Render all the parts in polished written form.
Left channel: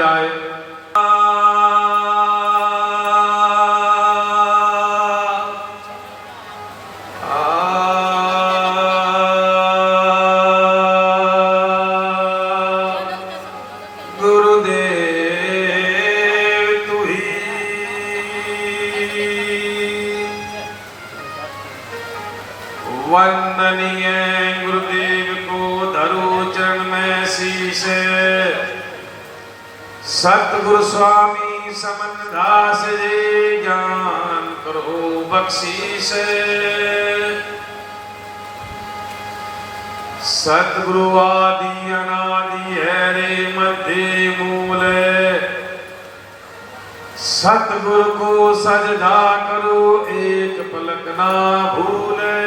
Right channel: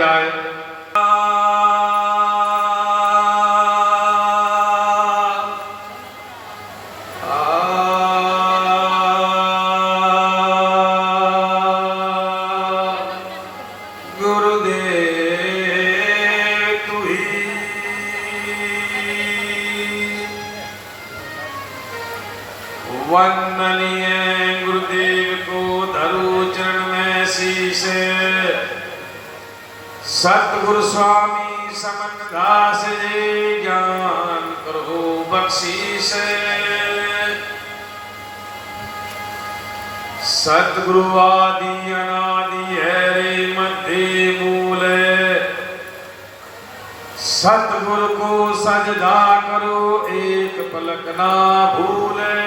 जाए। वंदनीय गुरुदेव को धरो चरण में शीश। सतगुरु स्वामी समन दास जी ज्ञान करो बख्शीश। सतगुरु आदि अनादि है रे मध्य मूल। सतगुरु को सजदा करो एक पलक ना भूले।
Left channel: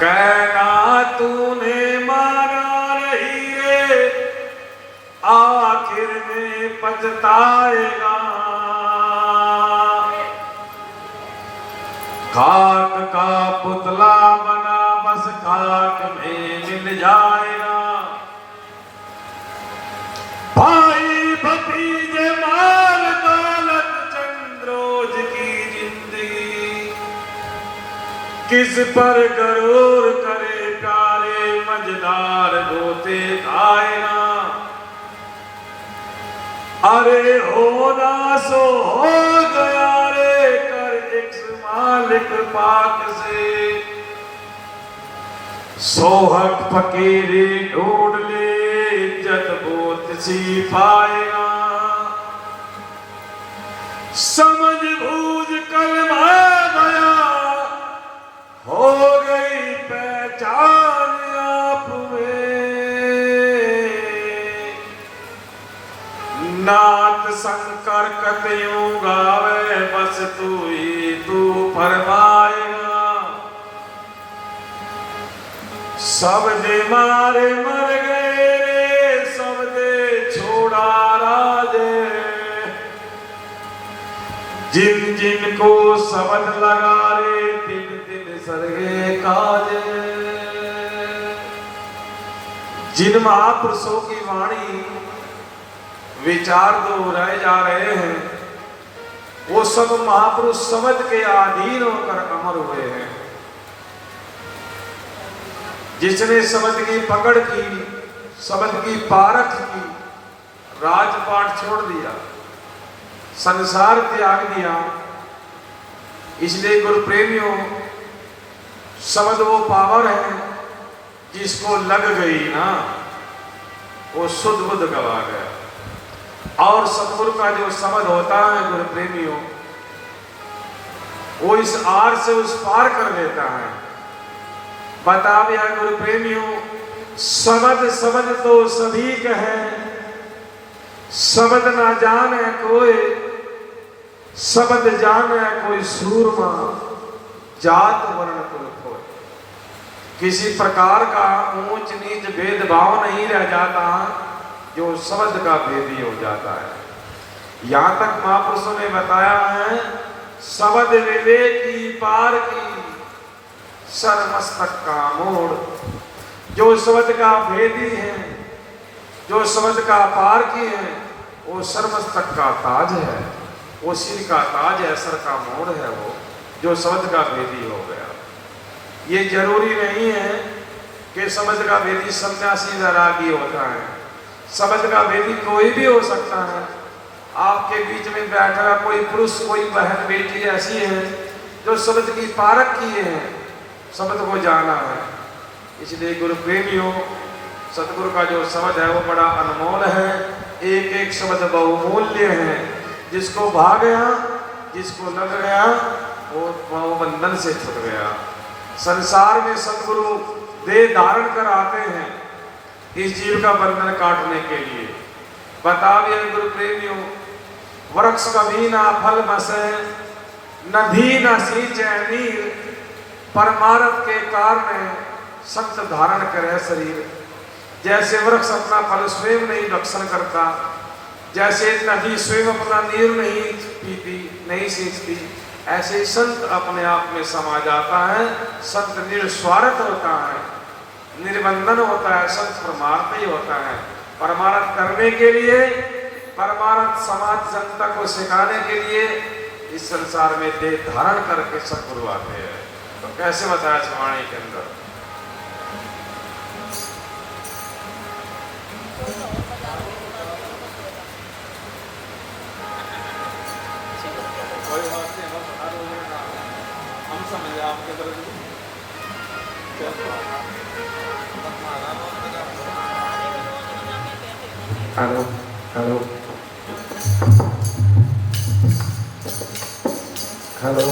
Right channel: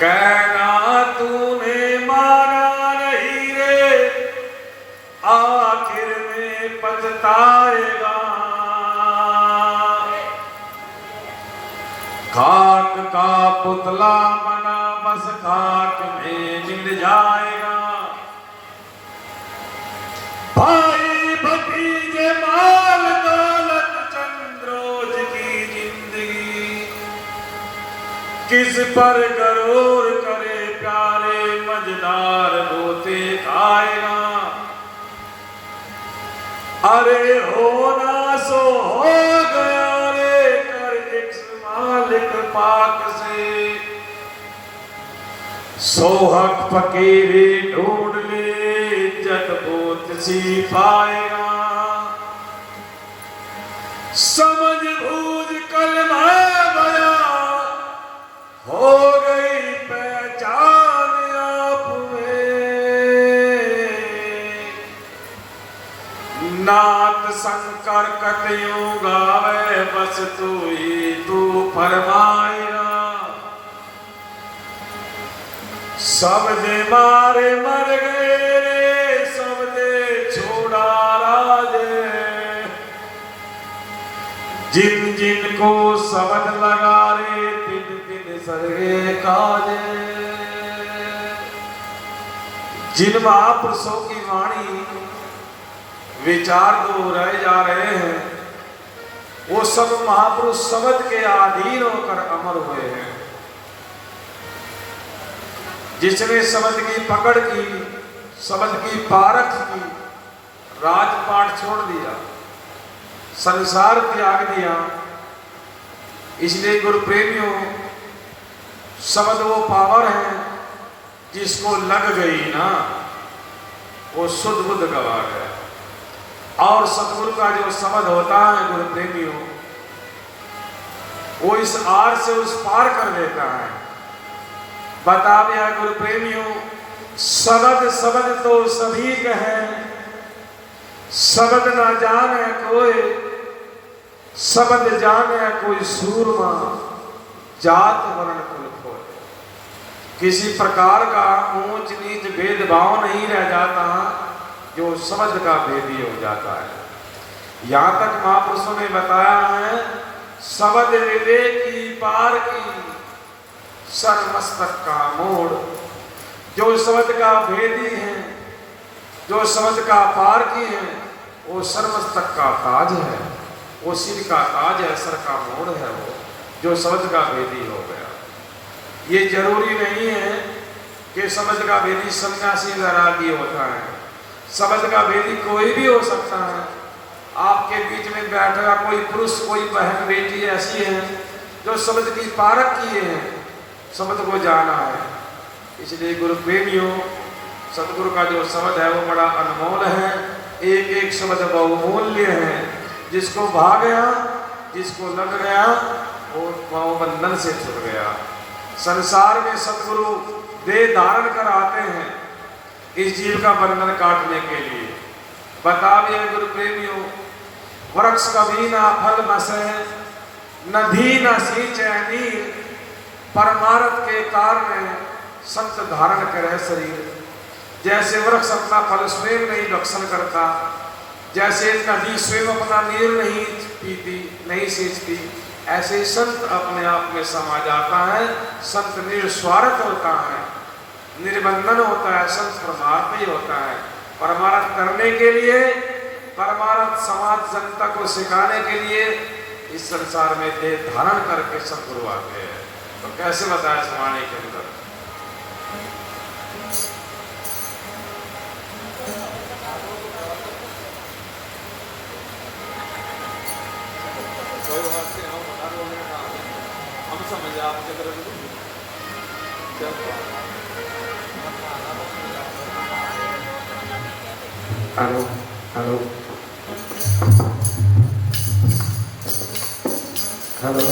कहना तूने माना नहीं रे आखिर में पछताएगा। खाक का पुतला बना बस खाक में मिल जाएगा। भाई भतीजे माल दौलत चंद्रोज की जिंदगी किस पर गरूर करे प्यारे मजेदार होते खाएगा। अरे होना सो हो गया रे कर एक मालिक पाक से। सोहक फकीरी ढूंढ ले इज्जत बहुत सी पाएगा। समझ बूझ कलमा बया हो गई पहचान आप में। नाथ शंकर कटयूं गावे बस तू ही तू फरमाएगा। सब दे मारे मर गए रे सब दे छोड़ा राजे। जिन जिन को शब्द लगा रे दिन दिन सरगे काजे। जिन महापुरुषों की वाणी विचार दो रह जा रहे हैं वो सब महापुरुष शब्द के अधीन होकर अमर हुए हैं। जिसने शब्द की पकड़ की शब्द की पारख की राजपाट छोड़ दिया संसार त्याग दिया। इसलिए गुरु प्रेमियों शब्द वो पावर है जिसको लग गई ना वो शुद्ध बुद्ध गवा गया। और सतगुरु का जो शब्द होता है गुरु प्रेमियों वो इस आर से उस पार कर देता है। बता दिया गुरु प्रेमियों शब्द शब्द तो सभी के हैं। शब्द ना जाने कोई शब्द जाने कोई सूरमा जात वर्ण कुल खोए। किसी प्रकार का ऊंच नीच भेदभाव नहीं रह जाता जो शब्द का भेदी हो जाता है। यहाँ तक महापुरुषों ने बताया है शब्द विवेक की पार की सर्वमस्तक का मोड़। जो शब्द का भेदी है जो शब्द का पार की है वो सर्वमस्तक का ताज है। वो सिर का ताज है सर का मोड़ है वो जो शब्द का भेदी हो गया। ये जरूरी नहीं है कि शब्द का भेदी सन्यासी वैरागी होता है। शब्द का भेदी कोई भी हो सकता है। आपके बीच में बैठा कोई पुरुष कोई बहन बेटी ऐसी है जो शब्द की पारख किए हैं शब्द को जाना है। इसलिए गुरु प्रेमियों सतगुरु का जो शब्द है वो बड़ा अनमोल है। एक एक शब्द बहुमूल्य है। जिसको भाग गया जिसको लग गया वो बंधन से छूट गया। संसार में सतगुरु देह धारण कर आते हैं इस जीव का बंधन काटने के लिए। बताओ ये गुरु प्रेमियों वृक्ष कभी ना फल बसे नदी न सींचे नीर। परमार्थ के कारण संत धारण करे शरीर। जैसे वृक्ष अपना फल स्वयं नहीं भक्षण करता जैसे नदी स्वयं अपना नीर नहीं पीती नहीं सींचती ऐसे ही संत अपने आप में समा जाता है। संत निस्वार्थ होता है, निर्बंधन होता है, संत परमार्थ ही होता है। परमार्थ करने के लिए, परमार्थ समाज जनता को सिखाने के लिए इस संसार में देह धारण करके सतगुरु आते हैं। तो कैसे बताया समाने के अंदर? कोई बात नहीं, हम बता रहे हैं, हम समझ आपके तरफ क्या हेलो हेलो हेलो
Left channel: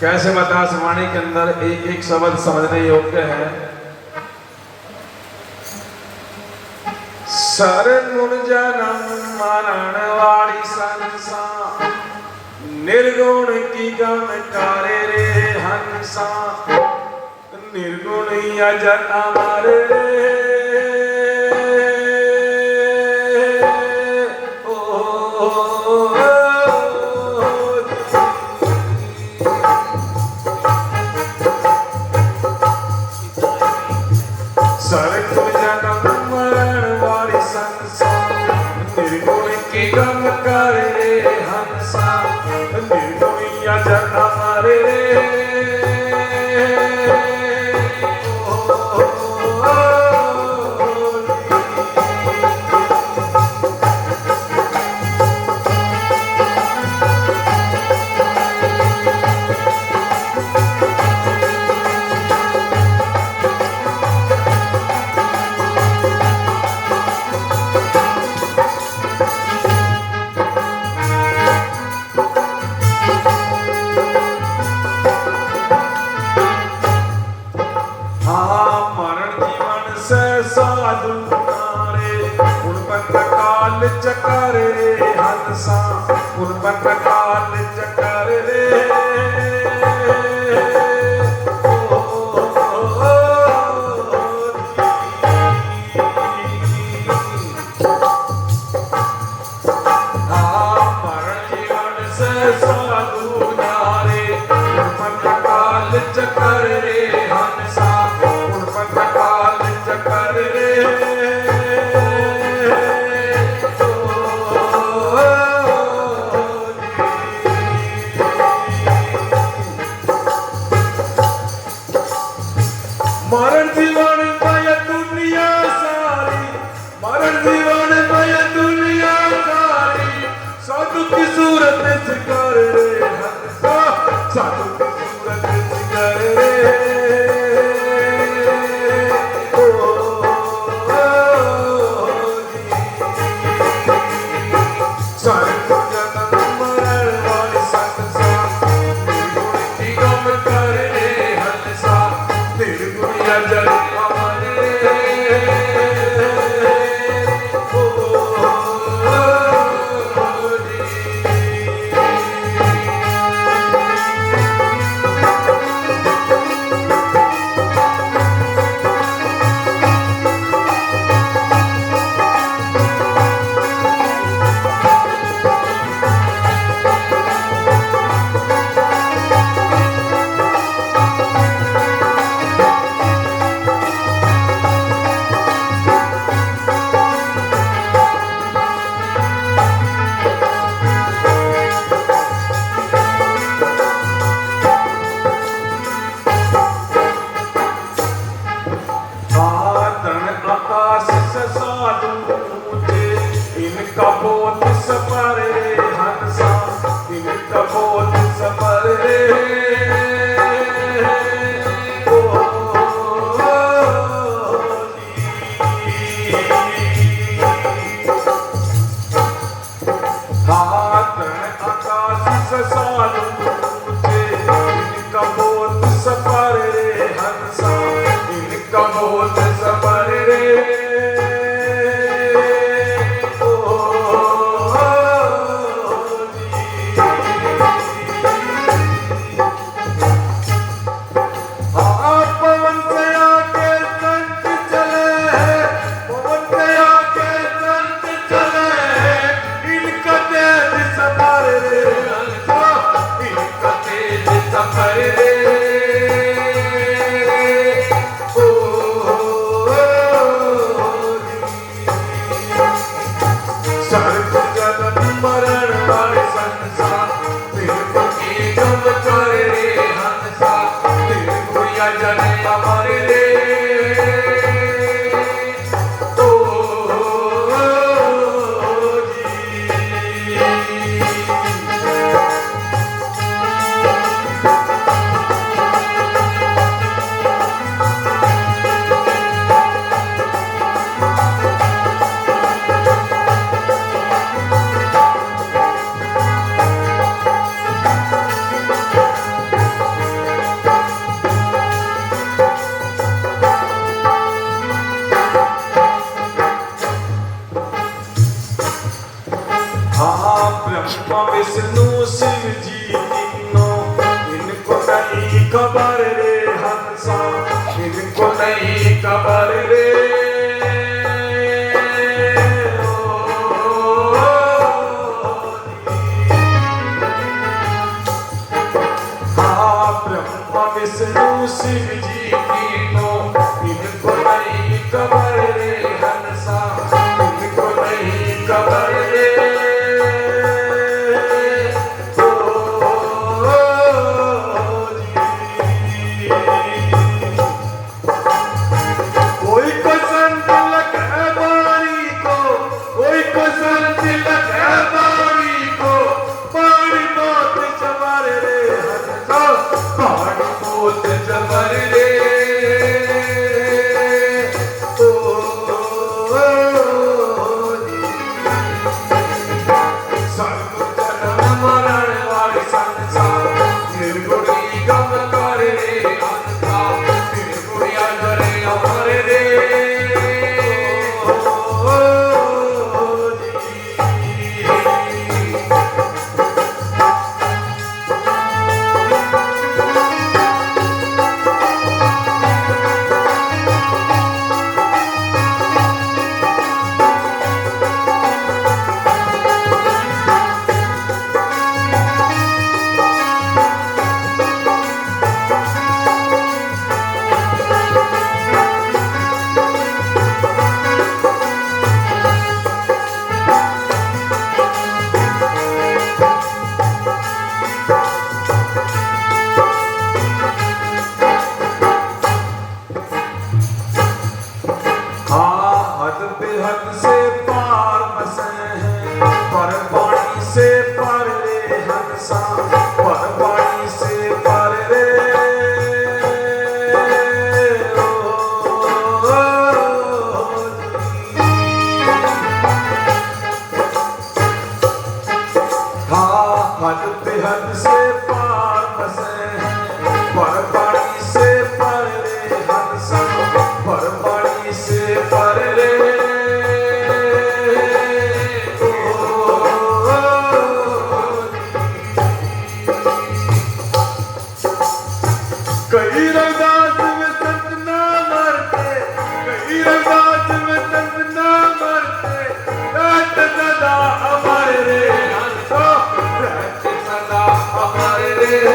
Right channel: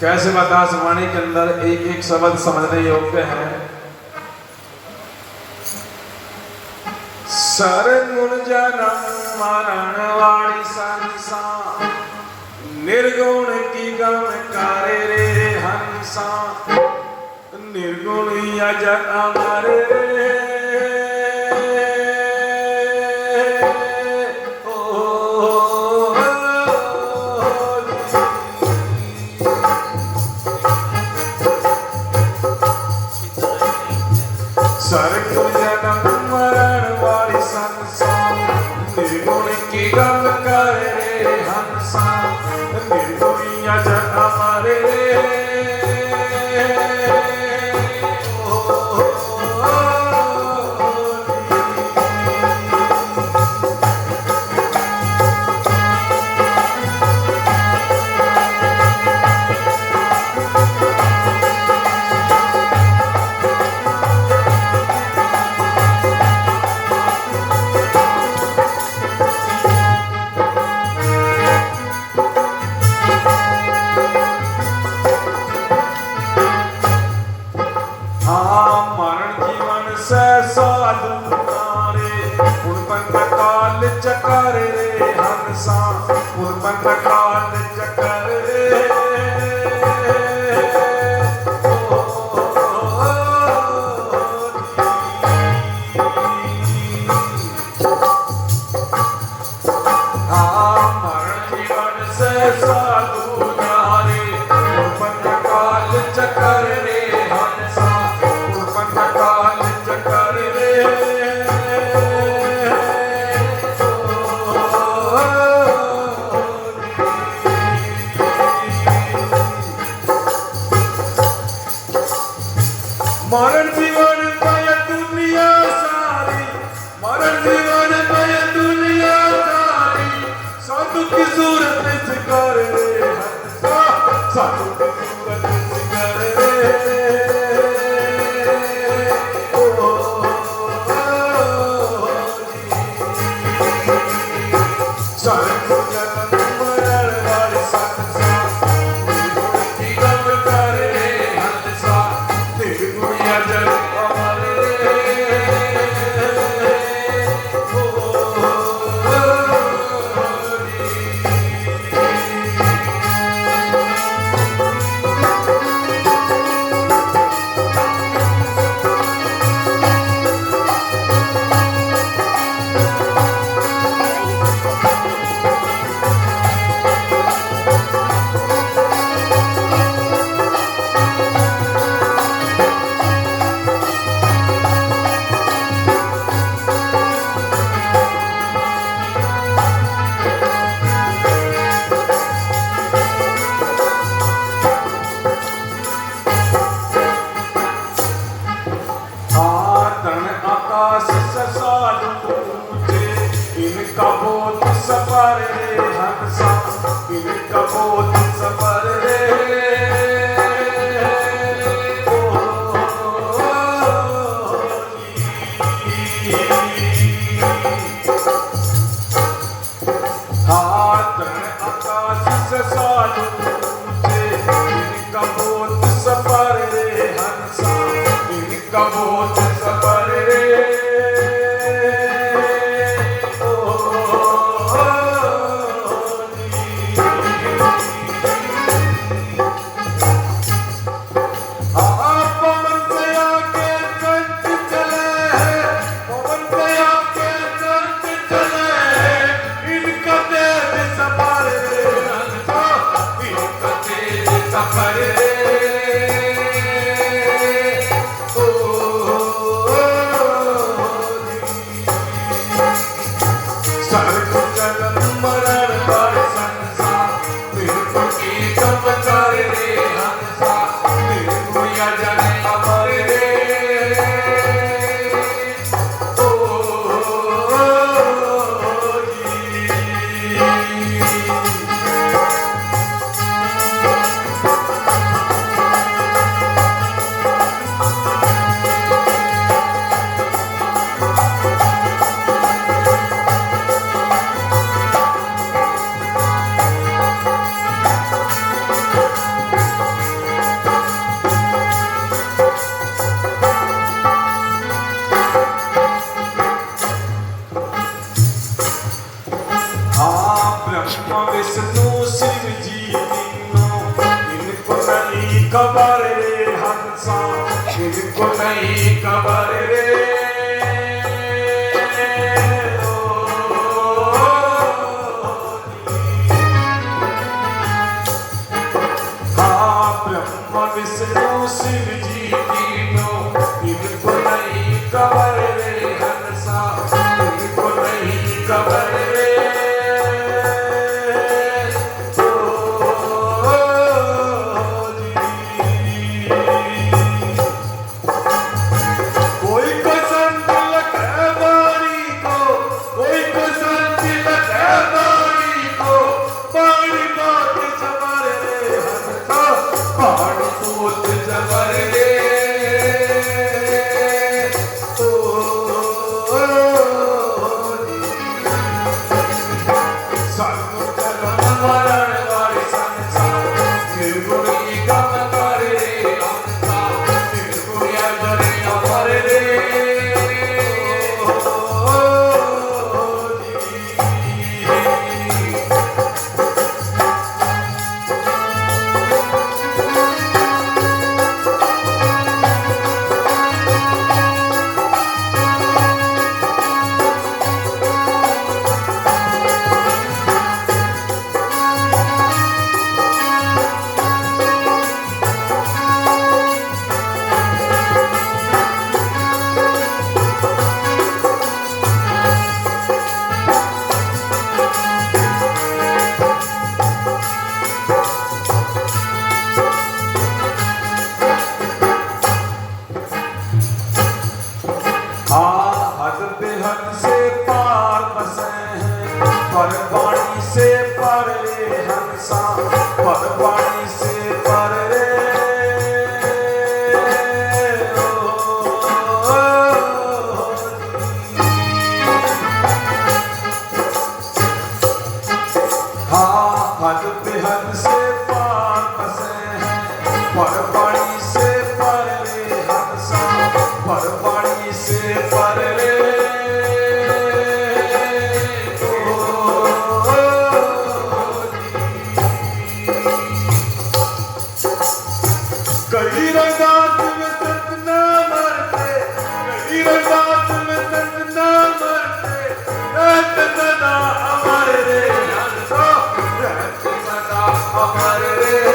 कैसे बता समाने के अंदर एक एक शब्द समझने योग्य है। सरगुण जन्म मरण वाली संसार, निर्गुण की गम करे रे हंसा, निर्गुण या जन्म रे निर्गुण की गम करे हंसा, निर्गुण या जन्म हाँ मरण जीवन से साधु नारे उन पर काल चकर रे हंसा उन पर काल चकर रे साधु नारे उन पर काल चकर रे हंसा उन पर काल चकर रे मरण जीवन भय दुनिया सारी मरण जीवन भय दुनिया सारी साधु की सूरत सिकार रे हंसा साधु की सूरत सिकार रे साधु जन्म मरण वाली सत्संग निर्गुण की गम कर रे हंसा निर्गुणिया जन्म वाली रे आकाश से साधु ऊंचे इनका बोध सपर रे हंसा इनका बोध सपर रे आकाश से साधु ऊंचे इनका बोध सपर रे हंसा इनका बोध सपर रे पवन से आके संत चले हैं पवन से आके संत चले हैं इनका तेज सपर रे हंसा इनका तेज सपर रे सर्व जन्म मरण वाले संसार निर्गुण की गम कर रे हंसा निर्गुणिया जन्म मर रे ब्रह्मा विष्णु शिव जी तीनों इनको नहीं खबर रे हंसा इनको नहीं खबर रे ब्रह्मा विष्णु शिव जी तीनों इनको नहीं खबर रे हंसा इनको नहीं खबर रे जबर पर पानी से पर रे कई रंगात में तक न मरते, कई रंगात में तक न मरते, रहते सदा हमारे रे हंसो, रहते सदा हमारे रे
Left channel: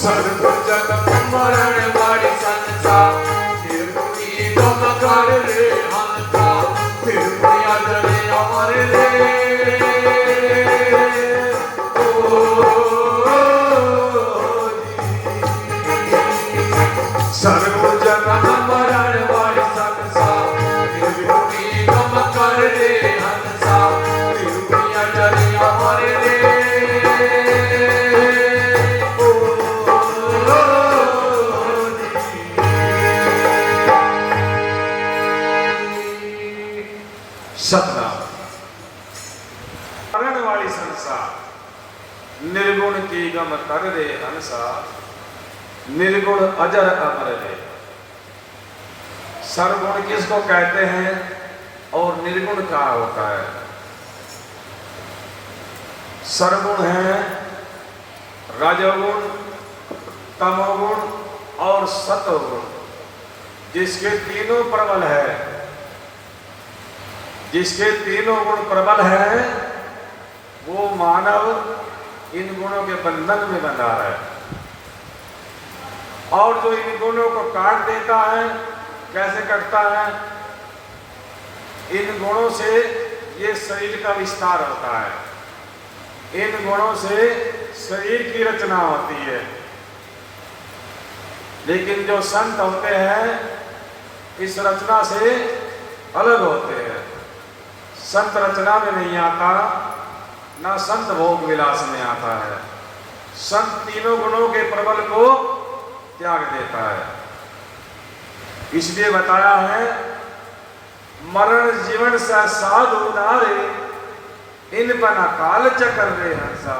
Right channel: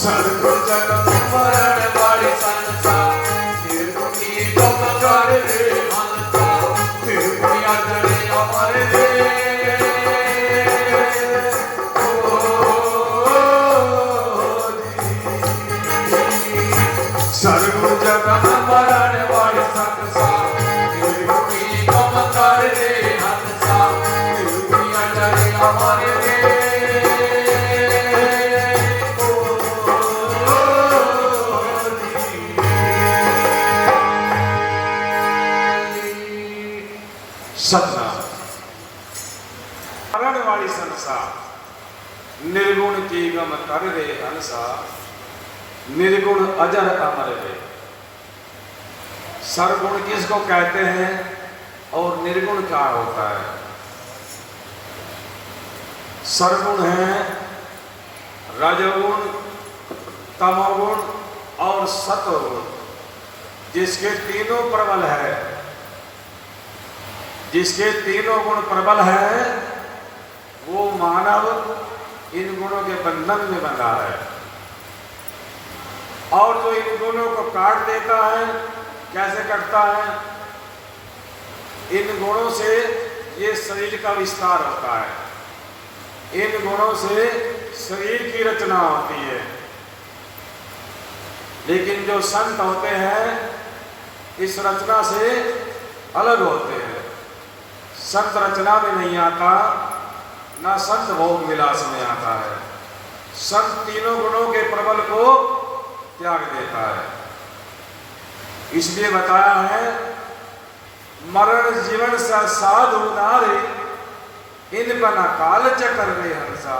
सर्व जगत मरण वाली संसार निर्गुणी गमकार रे हंसा निर्गुणिया जने हमारे रे सर्व जगत मरण वाली संसार निर्गुणी गमकार रे हंसा निर्गुणिया जने हमारे रे सतनाम मरण वाली संसार निर्गुण की गम कर रे हंसा निर्गुण अजर अमर रे। सर्वगुण किसको कहते हैं और निर्गुण क्या होता है? सर्वगुण है रजोगुण, तमोगुण और सतोगुण, जिसके तीनों प्रबल है, जिसके तीनों गुण प्रबल हैं वो मानव इन गुणों के बंधन में बंधा है, और जो इन गुणों को काट देता है, कैसे कटता है? इन गुणों से ये शरीर का विस्तार होता है, इन गुणों से शरीर की रचना होती है। लेकिन जो संत होते हैं इस रचना से अलग होते हैं। संत रचना में नहीं आता, ना संत भोग विलास में आता है। संत तीनों गुणों के प्रबल को त्याग देता है। इसलिए बताया है मरण जीवन सा साधु नारे इन बना काल चक्र रे हंसा।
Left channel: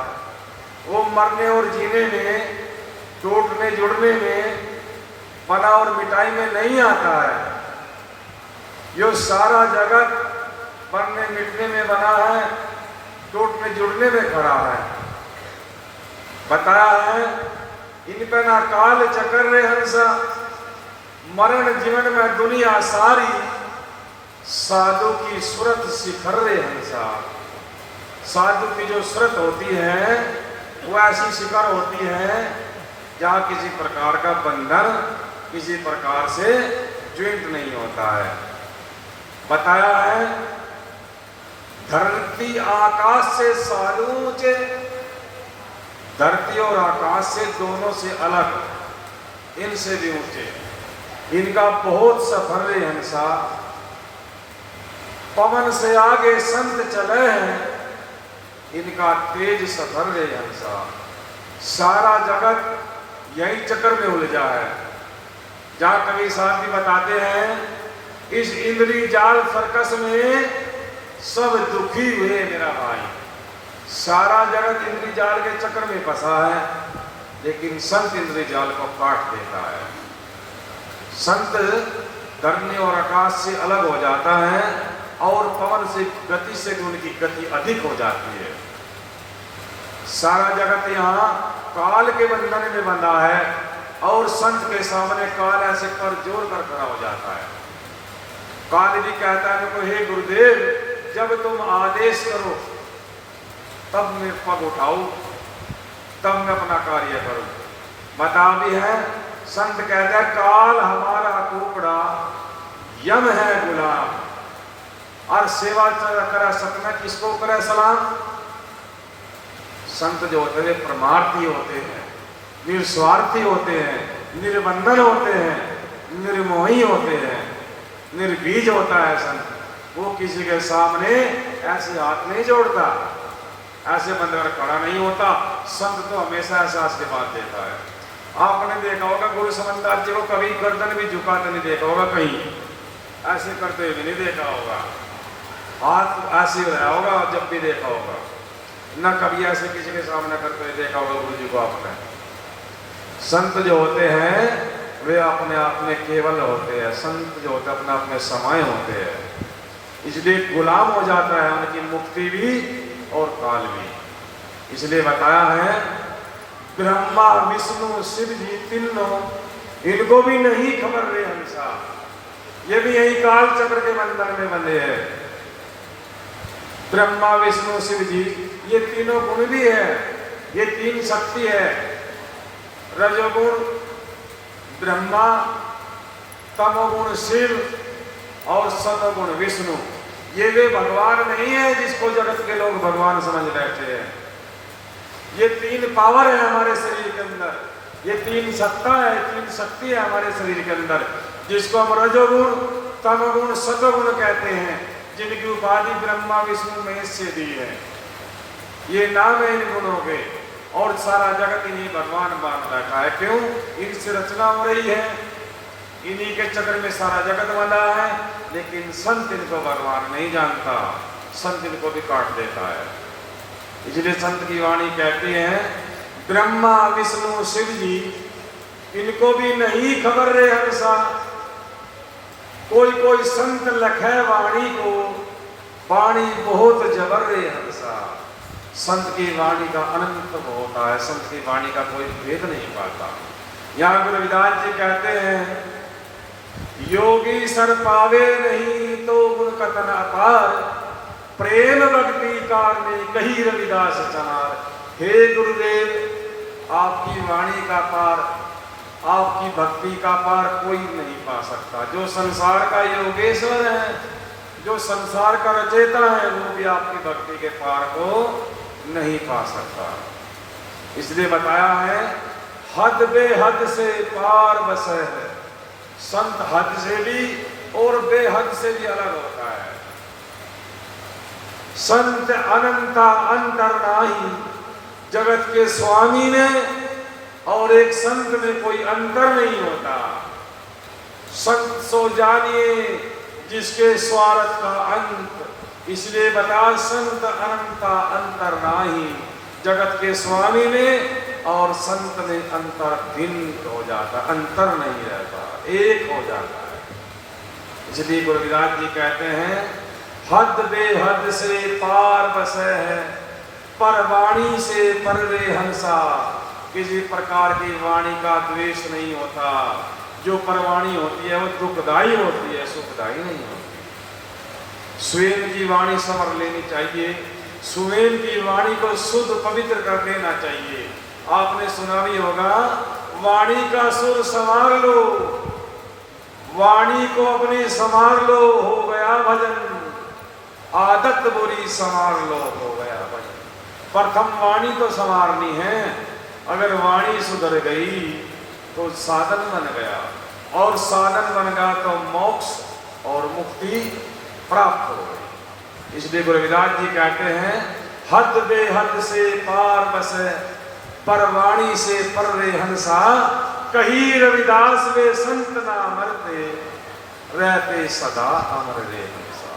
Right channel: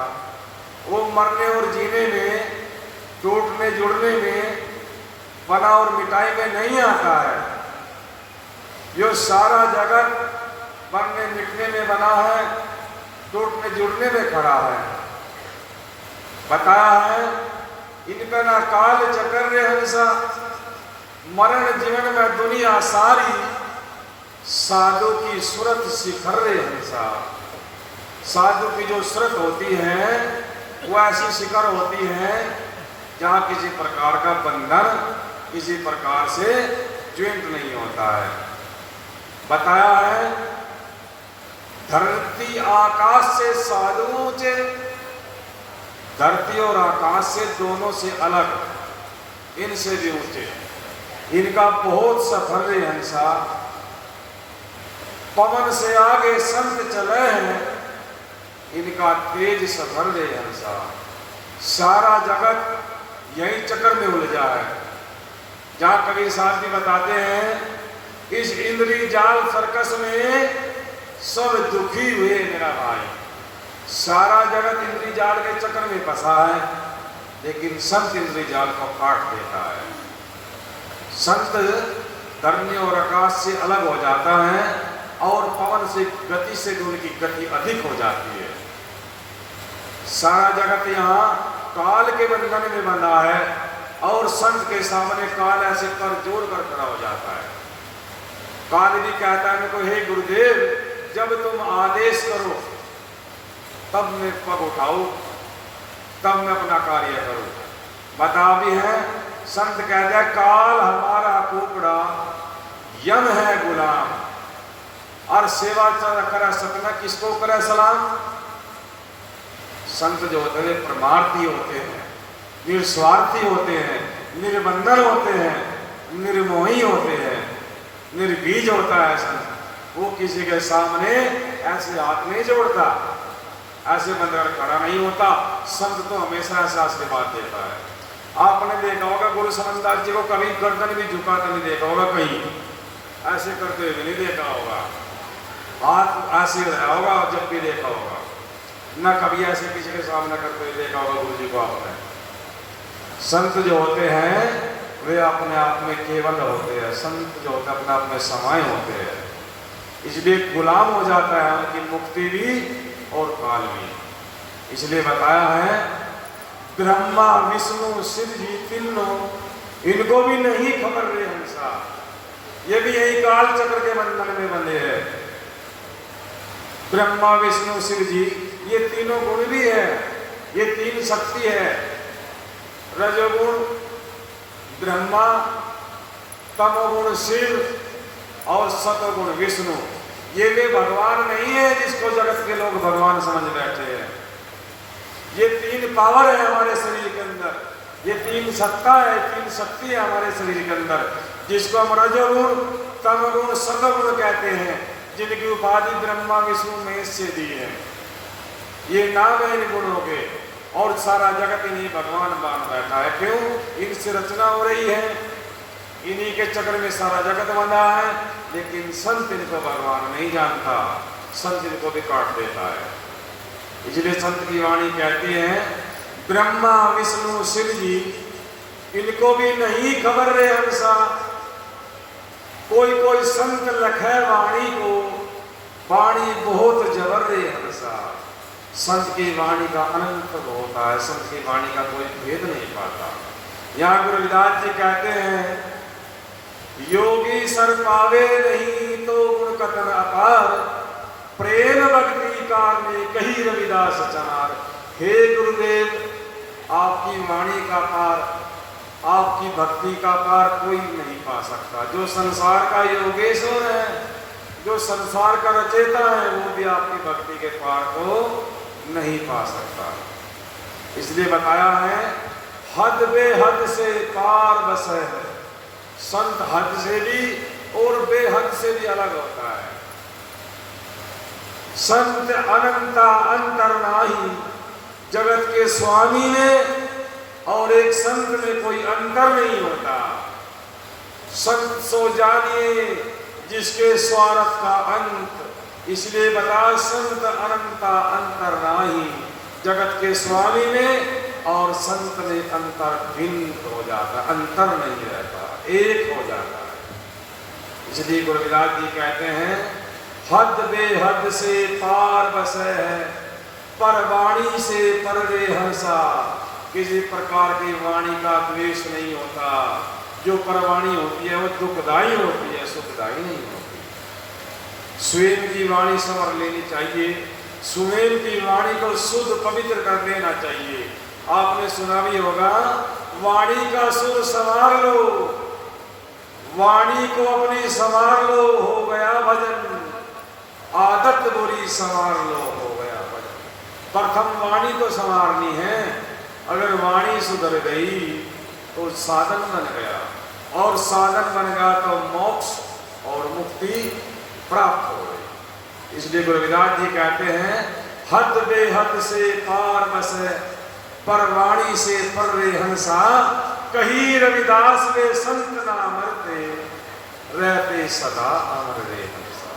वो मरने और जीने में, टूटने जुड़ने में, बना और मिटाई में नहीं आता है। जो सारा जगत बनने मिटने में बना है, टूटने जुड़ने में खड़ा है। बताया है इन पे ना काल चक्र रे हंसा। मरण जीवन में दुनिया सारी साधु की सुरत शिखर रे हंसा। साधु की जो सुरत होती है वो ऐसी शिखर होती है जहाँ किसी प्रकार का बंधन, किसी प्रकार से ज्वाइंट नहीं होता है। बताया है धरती आकाश से साधु ऊंचे, धरती और आकाश से दोनों से अलग, इनसे भी ऊंचे। इनका बहुत सफर रे हंसा। पवन से आगे संत चले हैं, इनका तेज सफर रे हंसा। सारा जगत यही चक्कर में उलझा है। जहाँ कवि साहब भी बताते हैं इस इंद्री जाल सर्कस में सब दुखी हुए मेरा भाई। सारा जगत इंद्री जाल के चक्कर में फंसा है, लेकिन संत इंद्री जाल को काट देता है। संत धरती और आकाश से अलग हो जाता है और पवन से गति से भी उनकी गति अधिक हो जाती है। सारा जगत यहाँ काल के बंधन में बंधा है और संत के सामने काल ऐसे कर जोर कर खड़ा हो जाता है। काल भी कहता है उनको, हे गुरुदेव जब तुम आदेश करो तब मैं पग उठाऊं, तब मैं अपना कार्य करूं। बता भी है संत कहते हैं काल हमारा कुकड़ा, यम है गुलाम, और सेवा करा सकना किसको करे सलाम? संत जो होते हैं परमार्थी होते हैं, निस्वार्थी होते हैं, निर्बंधन होते हैं, निर्मोही होते हैं, निर्बीज होता है संत। वो किसी के सामने ऐसे हाथ नहीं जोड़ता, ऐसे बंदर खड़ा नहीं होता। संत तो हमेशा ऐसा आशीर्वाद देता है। आपने देखा होगा गुरु समझदार जी को कभी गर्दन भी झुकाते नहीं देखा होगा, कहीं ऐसे करते हुए नहीं देखा होगा, हाथ ऐसे रहा होगा जब भी देखा होगा। न कभी ऐसे किसी के सामने करते हुए देखा होगा गुरु जी को आपने। संत जो होते हैं वे अपने आप में केवल होते हैं, संत जो होते हैं अपने आप में समाये होते हैं, इसलिए गुलाम हो जाता है उनकी मुक्ति भी और काल भी। इसलिए बताया है ब्रह्मा विष्णु शिव जी तीनों, इनको भी नहीं खबर रे हंसा, ये भी यही काल चक्र के बंधन में बंधे हैं। ब्रह्मा विष्णु शिव जी ये तीनों गुण भी है, ये तीन शक्ति है, रजोगुण ब्रह्मा, तमोगुण शिव और सतोगुण विष्णु। ये वे भगवान नहीं है जिसको जगत के लोग भगवान समझ बैठे हैं। ये तीन पावर है हमारे शरीर के अंदर, ये तीन सत्ता है, तीन शक्ति है हमारे शरीर के अंदर, जिसको हम रजोगुण तमोगुण सतोगुण कहते हैं, जिनकी उपाधि ब्रह्मा विष्णु महेश से दी है। ये नाम है इन गुणों के, और सारा जगत इन्हीं भगवान मान बैठा है। क्यों? इनसे रचना हो रही है, इन्हीं के चक्र में सारा जगत बंधा है, लेकिन संत इनको भगवान नहीं जानता, संत इनको भी काट देता है। इसलिए संत की वाणी कहती है ब्रह्मा विष्णु शिव जी इनको भी नहीं खबर रे हंसा। कोई कोई संत लखे वाणी को, वाणी बहुत जबर रे हंसा। संत की वाणी का अनंत होता है, संत की वाणी का कोई भेद नहीं पाता। यहाँ गुरु रविदास जी कहते हैं योगी सर पावे नहीं तो गुण कथन अपार, प्रेम भक्ति कारणे कही रविदास चार। हे गुरुदेव आपकी वाणी का पार, आपकी भक्ति का पार कोई नहीं पा सकता। जो संसार का योगेश्वर है, जो संसार का रचयिता है, वो भी आपकी भक्ति के पार को नहीं पा सकता। इसलिए बताया है हद बेहद से पार बस है। संत हद से भी और बेहद से भी अलग होता है। संत अनंता अंतर नाही, जगत के स्वामी में और एक संत में कोई अंतर नहीं होता। संत सो जानिए जिसके स्वार्थ का अंत, इसलिए बता संत अनंता अंतर नाही, जगत के स्वामी में और संत में अंतर भिन्न हो जाता, अंतर नहीं रहता, एक हो जाता है। इसलिए गुरु रविदास जी कहते हैं हद बेहद से पार बसे है, पर वाणी से पर रे हंसा। किसी प्रकार की वाणी का द्वेष नहीं होता। जो परवाणी होती है वो दुखदाई होती है, सुखदाई नहीं होती। स्वयं की वाणी संवर लेनी चाहिए, स्वयं की वाणी को शुद्ध पवित्र कर लेना चाहिए। आपने सुना भी होगा वाणी का सुर संवार लो, वाणी को अपनी संवार लो, हो गया भजन। आदत बुरी संवार लो, हो गया भजन। प्रथम वाणी तो संवारनी है। अगर वाणी सुधर गई तो साधन बन गया, और साधन बन गया तो मोक्ष और मुक्ति प्राप्त हो गई। इसलिए गुरु रविदास जी कहते हैं हद बेहद से पार बसे, पर वाणी से पर रे हंसा। कही रविदास वे संत ना मरते, रहते सदा अमर रे हंसा।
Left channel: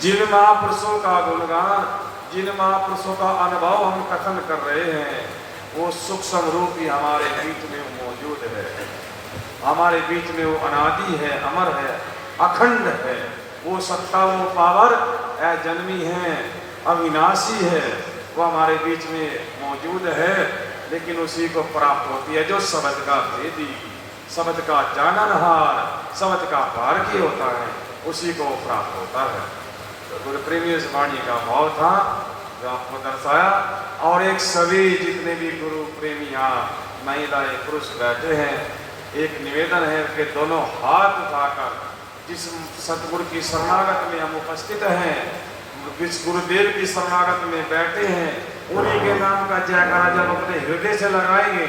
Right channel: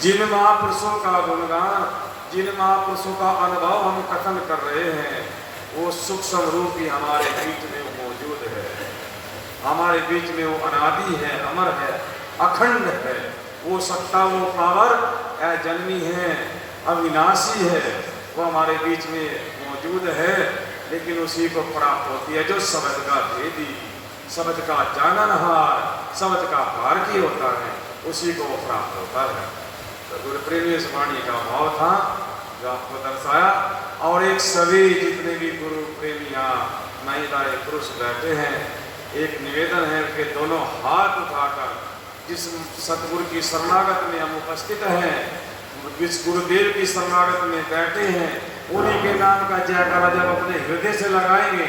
जिन महापुरुषों का गुणगान, जिन महापुरुषों का अनुभव हम कथन कर रहे हैं, वो सूक्ष्म रूप ही हमारे बीच में मौजूद है। हमारे बीच में वो अनादि है, अमर है, अखंड है। वो सत्ता, वो पावर अजन्मी है, अविनाशी है, वो हमारे बीच में मौजूद है। लेकिन उसी को प्राप्त होती है जो शब्द का भेदी, शब्द का जाननहार, शब्द का पारखी होता है, उसी को प्राप्त होता है। तो गुरु प्रेमी इस वाणी का भाव था जो आपको दर्शाया। और एक सभी जितने भी गुरु प्रेमी यहाँ महिला पुरुष बैठे हैं, एक निवेदन है कि दोनों हाथ उठाकर जिस सतगुरु की शरणागत में हम उपस्थित हैं, जिस गुरुदेव की शरणागत में बैठे हैं, उन्हीं के नाम का जयकारा जब अपने हृदय से लगाएंगे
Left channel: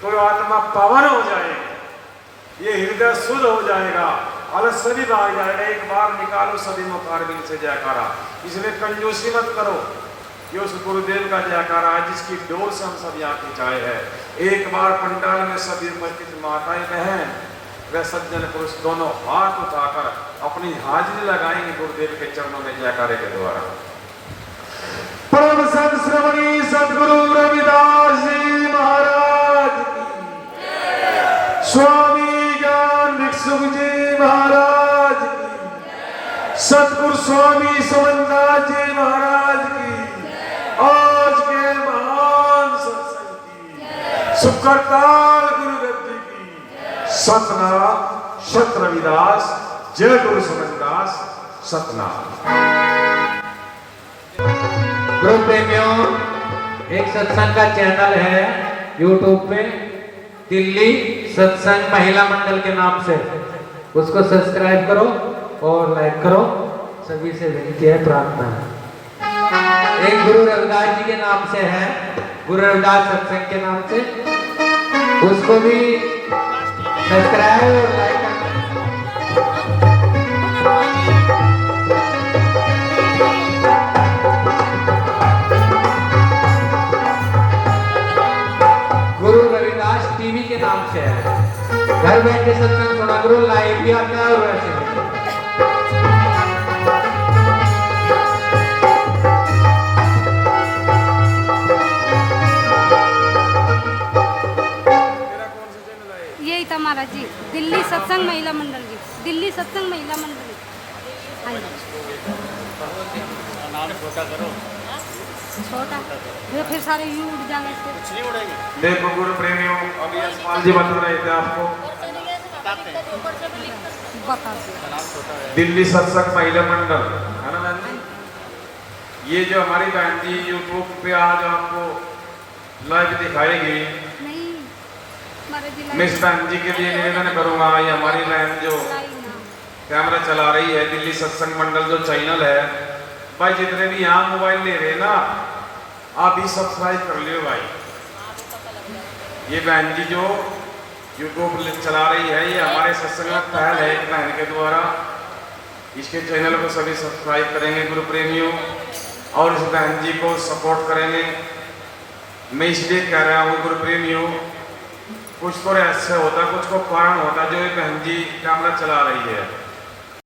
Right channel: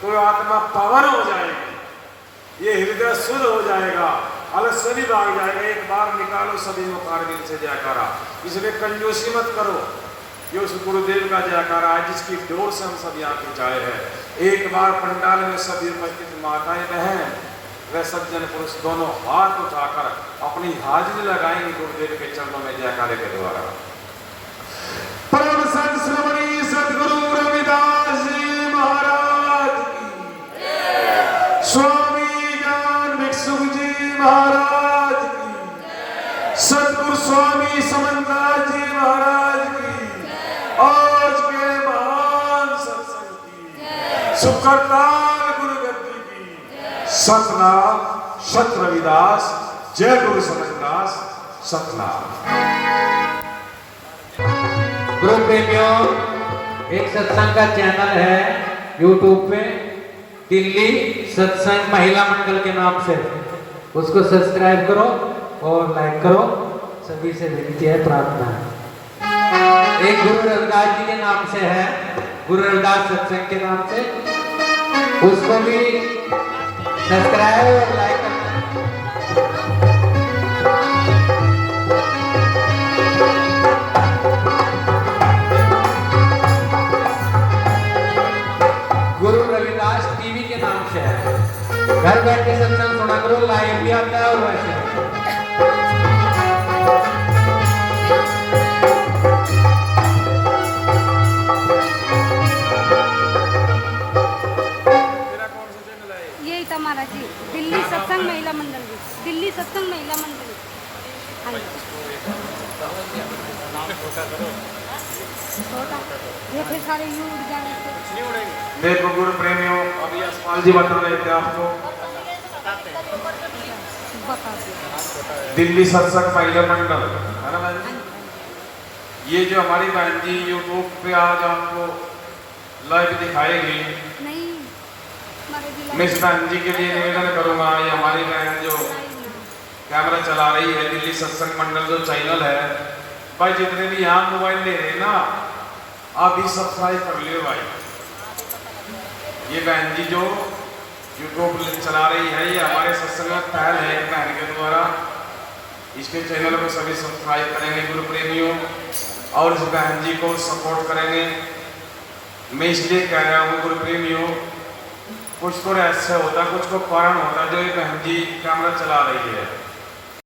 तो आत्मा पावन हो जाएगी, ये हृदय शुद्ध हो जाएगा, आलस्य भी भाग जाएगा। एक बार निकालो सभी मुखारबिन से जयकारा, इसमें कंजूसी मत करो। ये उस गुरुदेव का जयकारा है जिसकी डोर से हम सब यहाँ खिंचाए हैं। एक बार पंडाल में सभी उपस्थित माताएं बहन व सज्जन पुरुष दोनों हाथ उठाकर अपनी हाजिरी लगाएंगे गुरुदेव के चरणों में जयकारे के द्वारा। परम संत श्रमणी सतगुरु रविदास जी महाराज की, स्वामी ज्ञान भिक्षुक जी महाराज की, सतगुरु स्वामी समन्दास जी महाराज की, आज के महान सत्संग की, सुखकर्तार गुरुदेव जी की, सतनाम सत रविदास, जय गुरु समन्दास, सतनाम। गुरु प्रेमियों, एक सत्संग का चैनल है YouTube पे, दिल्ली सत्संग महिला मंडल के नाम से, उसको सब्सक्राइब करो और लाइक करो, सभी से विनती है, प्रार्थना है। एक गुरु रविदास जी के नाम से है, गुरु रविदास सत्संग के नाम से, उसको भी सब्सक्राइब और लाइक करना। गुरु रविदास टीवी के नाम से है, घर बैठे सत्संग सुना करो, लाइव भी आता है और वैसे यही था महाराज जी, दिल्ली सत्संग महिला मंडल जी, दिल्ली सत्संग महिला मंडल। छोटा ये फिर सारे यू उड़ जाने से देखो गुरु प्रेमियों, अभी अस्पाल जी बता रहे थे आपको, बता दो दिल्ली सत्संग महिला मंडल है ना बहन जी? ये जो हमारी बहन जी यूट्यूब पे आज आपको लाइव दिखाएगी, नहीं महाराज जी, मैं इस बहन जी के लिए निवेदन करूंगा, ये हमारी बहन जो कैमरा चला रही है, दिल्ली सत्संग मंडल जो चैनल है, भाई जितने भी यहाँ मोबाइल ले रहे ना, आप भी सब्सक्राइब कर लियो भाई। ये बहन जी जो यूट्यूब चला रही है, ये हमारे सत्संग में पहल है एक बहन के द्वारा, इसके चैनल को सभी सब्सक्राइब करेंगे गुरु प्रेमियों, और इस बहन जी को सपोर्ट करेंगे। मैं इसलिए कह रहा हूँ गुरु प्रेमियों, कुछ तो रहस्य होता, कुछ तो कारण होता जो ये बहन जी कैमरा चला रही है।